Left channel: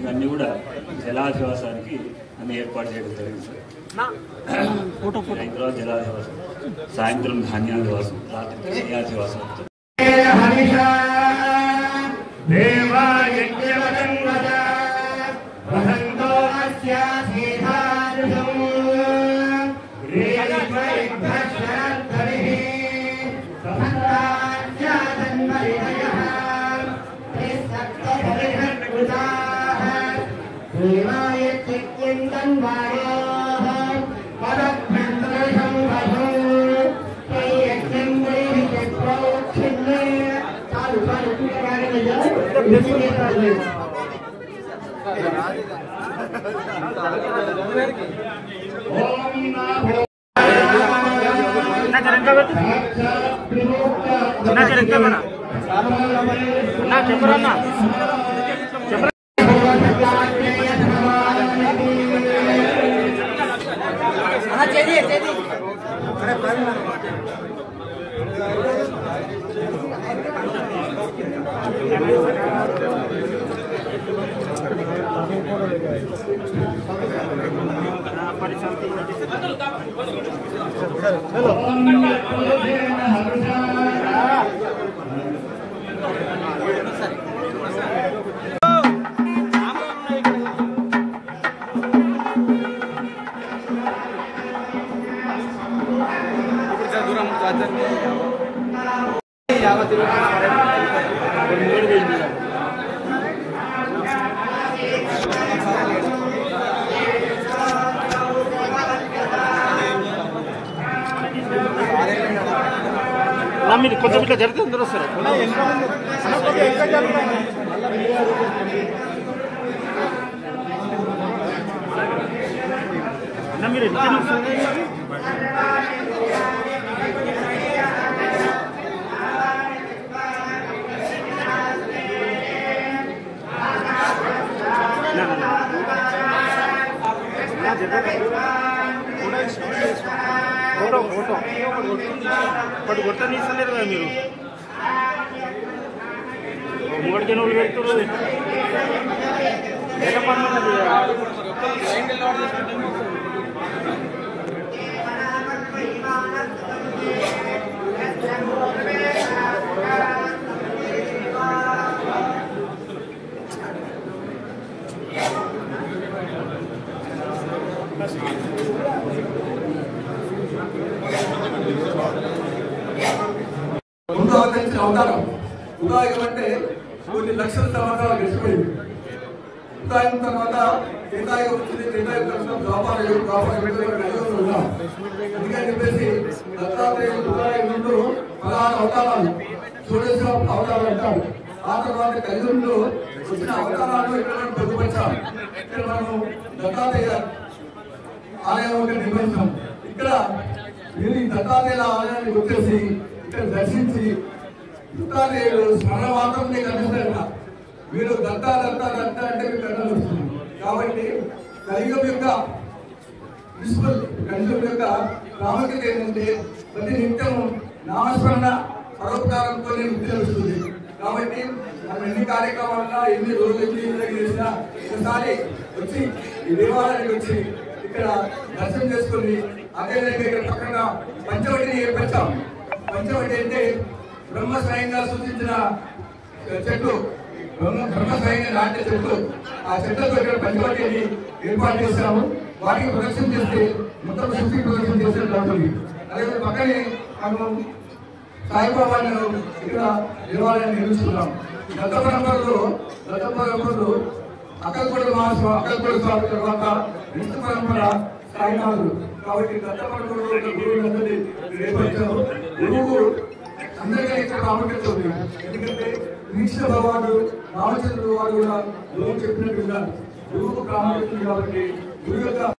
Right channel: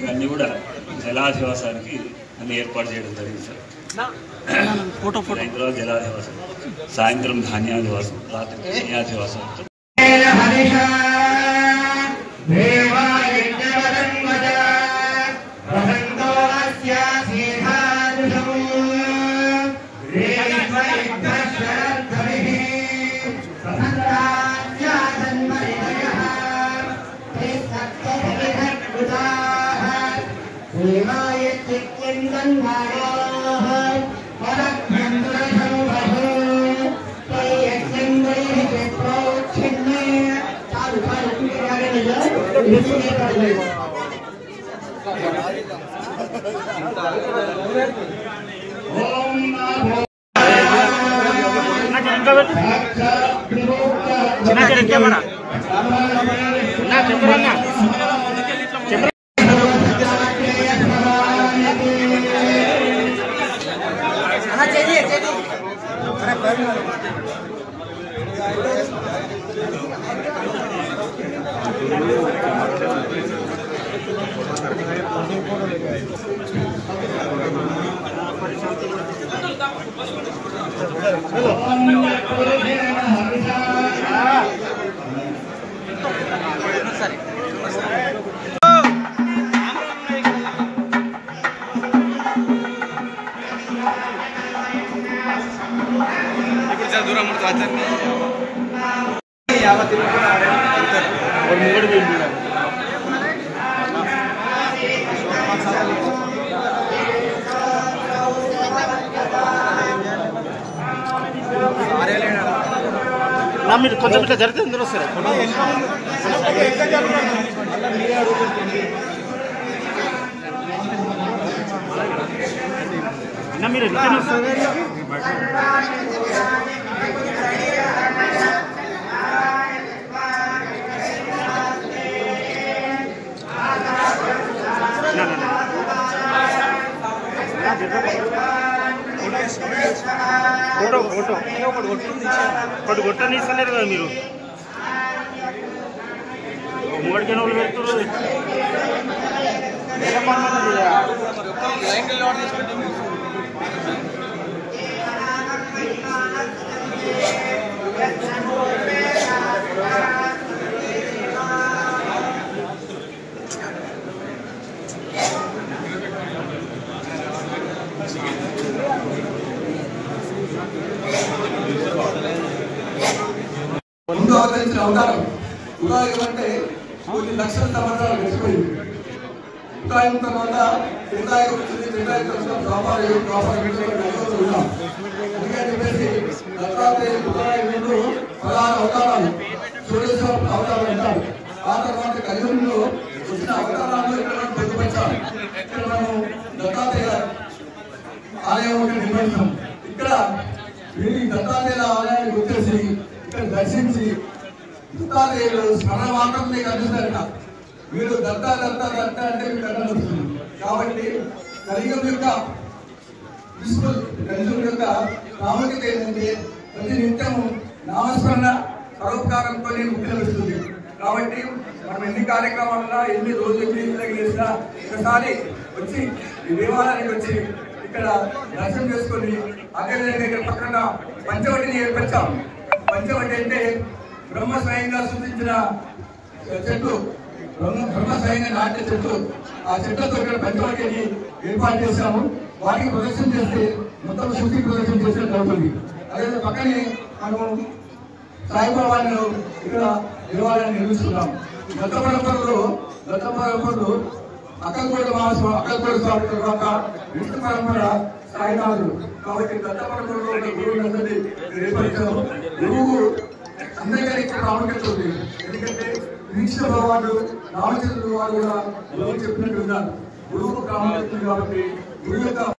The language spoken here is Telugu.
ఇవన్నీ కూడా జలాధివాసానికి అన్ని ఏర్పాటు చేయడం జరిగింది సార్. ఇందులో జలాధివాసం, సాయంత్రం ధాన్యాధివాసం, రాత్రి ధాన్యాధివాసం. మీరు కొంచెం ఇట్లా జరిగితే అందరూ వస్తారు. మీరు ఫోటో ఫోటో ఒకటి కొట్టని ఇస్తలేరు కదా మీరు. మూడికి వాళ్ళు పెడుతున్నారు. ముందు అవతరించిన అవతారం ఉదాహరణ అంటే కొన్ని లక్షల సంవత్సరాలు గడిచిపోయింది. ఉదాహరణ తర్వాత త్రేతాయుగం వచ్చింది. త్రేతాయుగం అందుకని చెప్పేసి దత్తాత్రేయుడు 16 అవతారాలు, షోడశ అవతారాలు అంటారు. ఆ తర్వాత కలియుగంలో వచ్చిన అవతారాల్లో ఇక్కడ పొందుపరిచాం. ఇక్కడ మనం దత్తాత్రేయ ఆలయం నిర్వహిస్తాం. ఇక్కడ మీరు దత్తాత్రేయుల ఆలయానికి వచ్చేసి ఇక్కడ దర్శించి దత్తాత్రేయుడు స్మరణ మాత్రమే కనిపిస్తారట. మీరు దత్త దత్త దత్త అంటే మీకు కథలు వస్తుంది. కాబట్టి కలియుగం యొక్క కలియుగం యొక్క ప్రాముఖ్యత ఏంటంటే ప్రతి నిత్యం నామస్మరణ పరోపకారంతో ముక్తి లభిస్తుంది. కాబట్టి మనం ఎన్ని కార్యక్రమాలన్నా ఎన్ని రోజులు చేసినా ఒకసారి వచ్చి ఈ దేవాలయానికి వచ్చి ఇక్కడ దర్శనం చేసుకొని అదేవిధంగా ఇక్కడ పక్కన పంచవటిని ఏర్పరిచాం. పంచవటి అంటే బ్రహ్మ స్వయంగా సూచించిన చెట్టు, బ్రహ్మ స్వయంగా నాట్య చెట్టు. ఆ చెట్టుతో ఇక్కడ పంచవటిని ఏర్పాటు చేశాము. వాటికి ప్రదర్శన చేస్తే మొత్తం శక్తి ప్రదర్శన చేసినట్టు అవుతుంది. అదే పక్కనే మేము సాయిబాబాను ఇక్కడ దేవాలయాన్ని నిర్మిస్తున్నాం. దత్త పరంపరలో అక్కల్కోట మహాస్వామి, అక్కల్కోట స్వామి తర్వాత విష్ణు పరంపర సాయినాథుడు. కాబట్టి దత్త పరంపరలో గురువులందరినీ ఏర్పరిచాము. గురువు అందరికీ ఇక్కడ ప్రాముఖ్యత ఉంది. ఎందుకంటే కృష్ణ భగవానుడు రామచంద్రుడు వారు కూడా గురువు చెప్పినట్టు ఉన్నారు. గురువుకు ప్రాముఖ్యత ఉంది. కాబట్టి గురువు యొక్క